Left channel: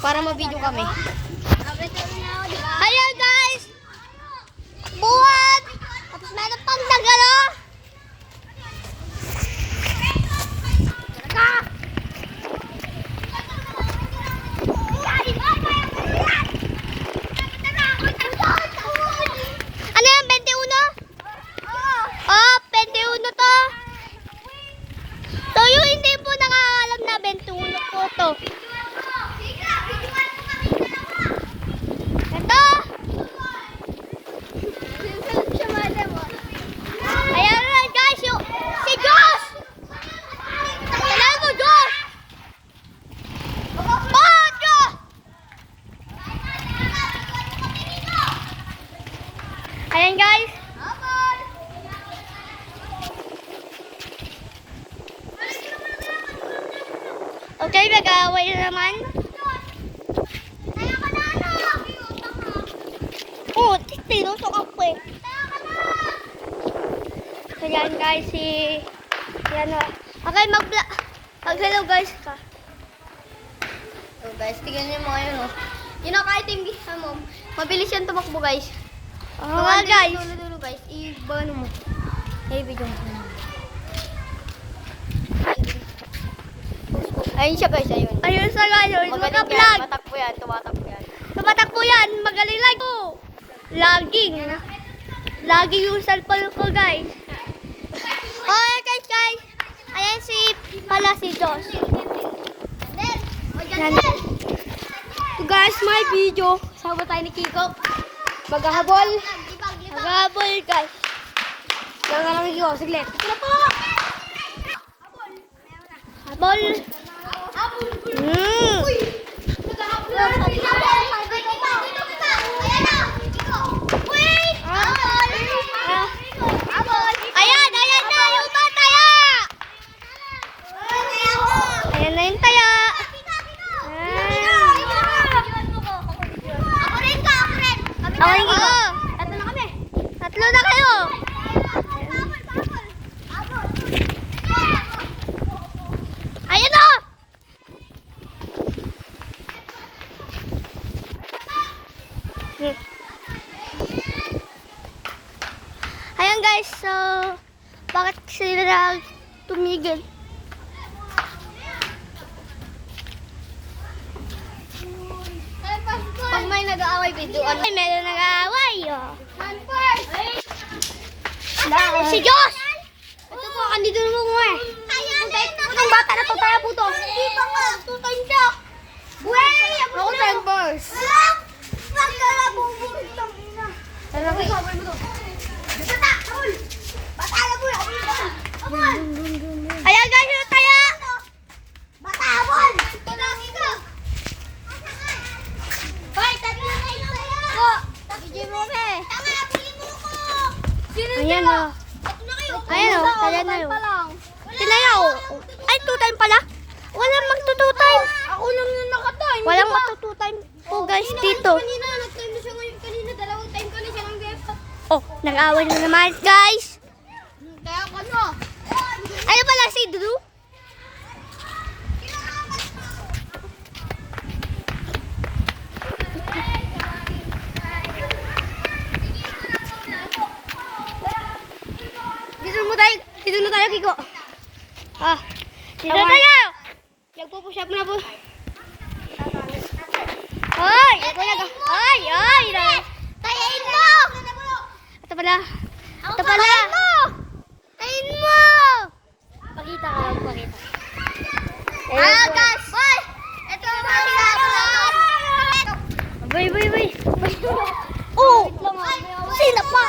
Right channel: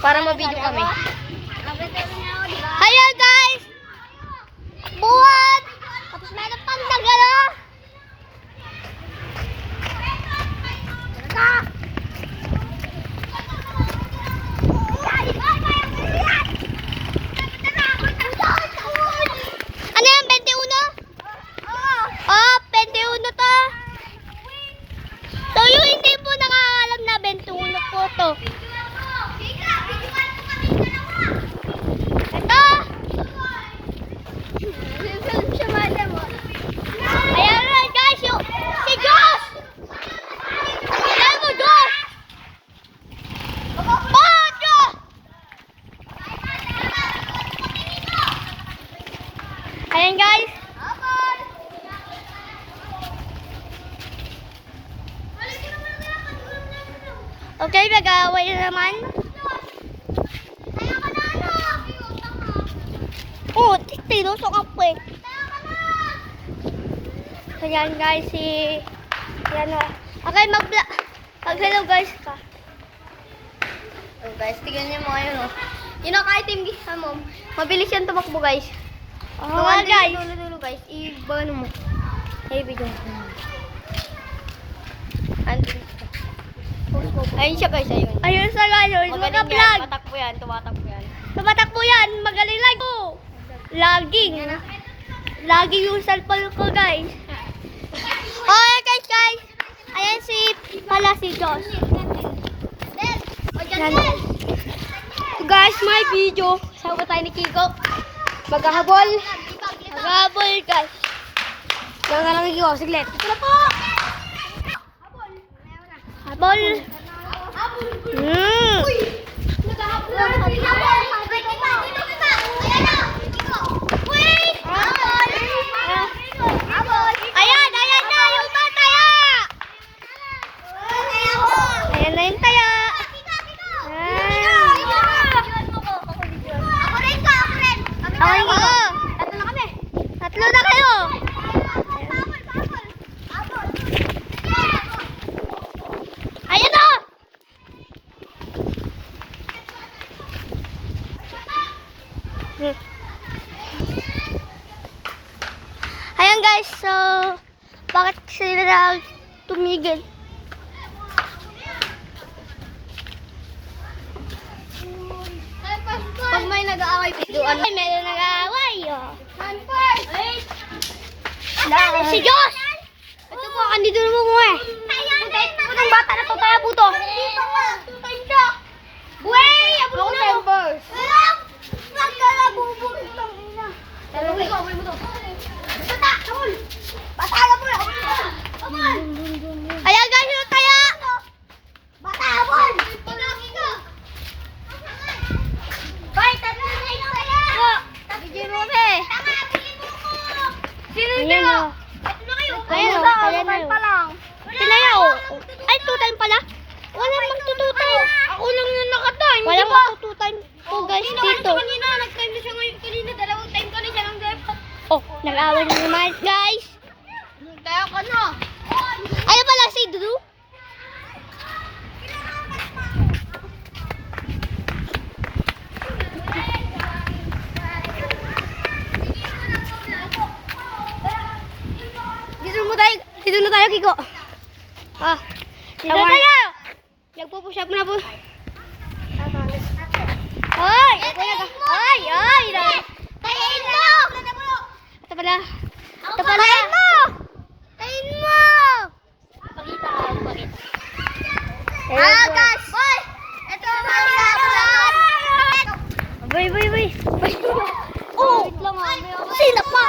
Para ma-video kami. Ayan guys! Buwan! Tapos meron pang nagano. Ano yan? 21? Oh, 21 to. So yung hindi po nakakalam na 21 po to. Ito! Ayan na guys, yung si Josh! Ayan mo, Josh! Oh, Josh! Ayan guys. Okay, mag-away na naman. Oh, tinusok ako eh. So yan guys, yan o. Okay, mag-hello guys ka. So guys, tignan niyo mo ngayon o. Yun ang item gisa mo. Mabilis yan tumakbo guys. Oh guys. Dulo guys, i-bano mo. Hey, video mo. Ayun siya guys, ayun. Ayun siya guys, maka-vlog. Tumatakbo yan, tumatakbo yan, magaling lang po. Laging yung cellphone ko guys. Okay guys. Ayan si Josh. Yan. Guys, my video. Sabi tayo ni Kiko. Maghahabol guys. Lang ka lang Kiko, siglit. Sila po. Habol. Ayan na yung taya. Ayan na yung taya. Tatlo na kayo. Ayan na. Ayan guys, so bakit sila tumigil? Pag may nag-aaway video, may nag-aaway oh. Si Josh! Ito po, andito mo mo eh. Itong bata na to, tayo po to. Dito nga, 2 times siya. Wey! Ako time first. Magkakabubukit lang ina. Dalawa ko, abay mo to. Bata! Abol! Bata! Abol! Abol! Ayan guys, yung taya! Bata! Abol! Ito lang ito. Bay, tatlo na tayo ng taya! Bigyan mo eh. Sino siya? Ito na kayo. Ayan o, taya na yun. Tinaya o. Ay, 2 time pala? Walang mag-2 time. Ako lang yung naka-time. Walang mag-2 time po guys dito. Kanina, nag-time na siya ngayon. Kanina, 2 time ka na siya ng girlfriend. Oh, nag-away na naman guys. Kaya ka na. Ano pala si Drew? Dito na tayo, Kiko. Dito tayo. Nagpo-push up na po. Hoy! Hoy! Kain mo! Ito pala. Kain mo! Kain mo! Pakita ka lang, pakita. Guys! Ito ang mga Bay! Oh! Sila pa!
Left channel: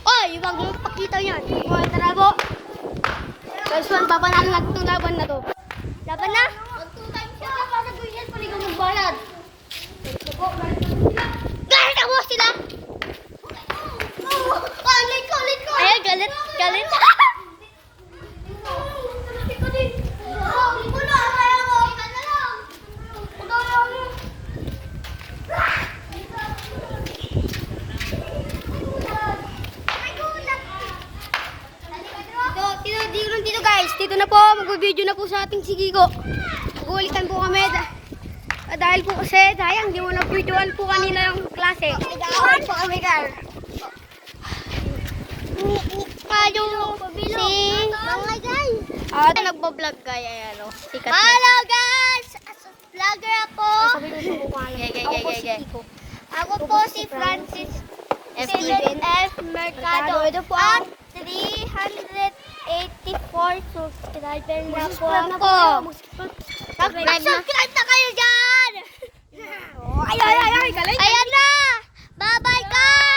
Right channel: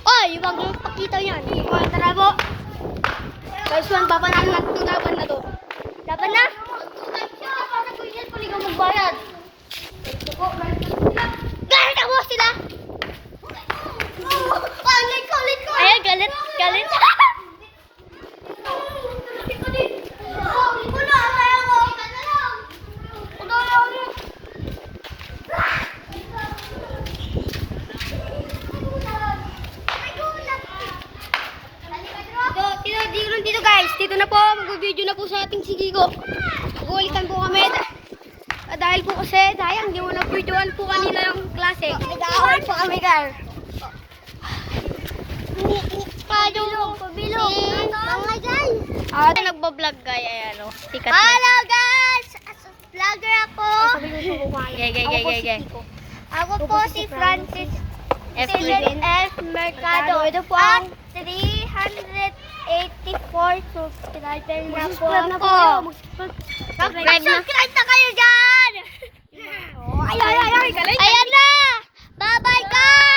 Ay, wag mo pakita yan. Tara po. Guys, papanahan natin itong laban na to. Laban na? Magbayad. Galit ako sila. Ay, galit. Di dito na po. Mag-video na po sa ating si Kiko. Mag-uulitan po kami. Dahil po kasi, sayang, hindi mo na-videoan po kanila ang klase. Iwan po kami, Carl. Nagbablog guys, ayan o. Sikat na. Hello guys! Vlogger ako. Gay. Ako po si Francis F. Mercado. At 384 subscriber na po ako. Subscribe na kayo dyan! Ayan na! Bye-bye guys!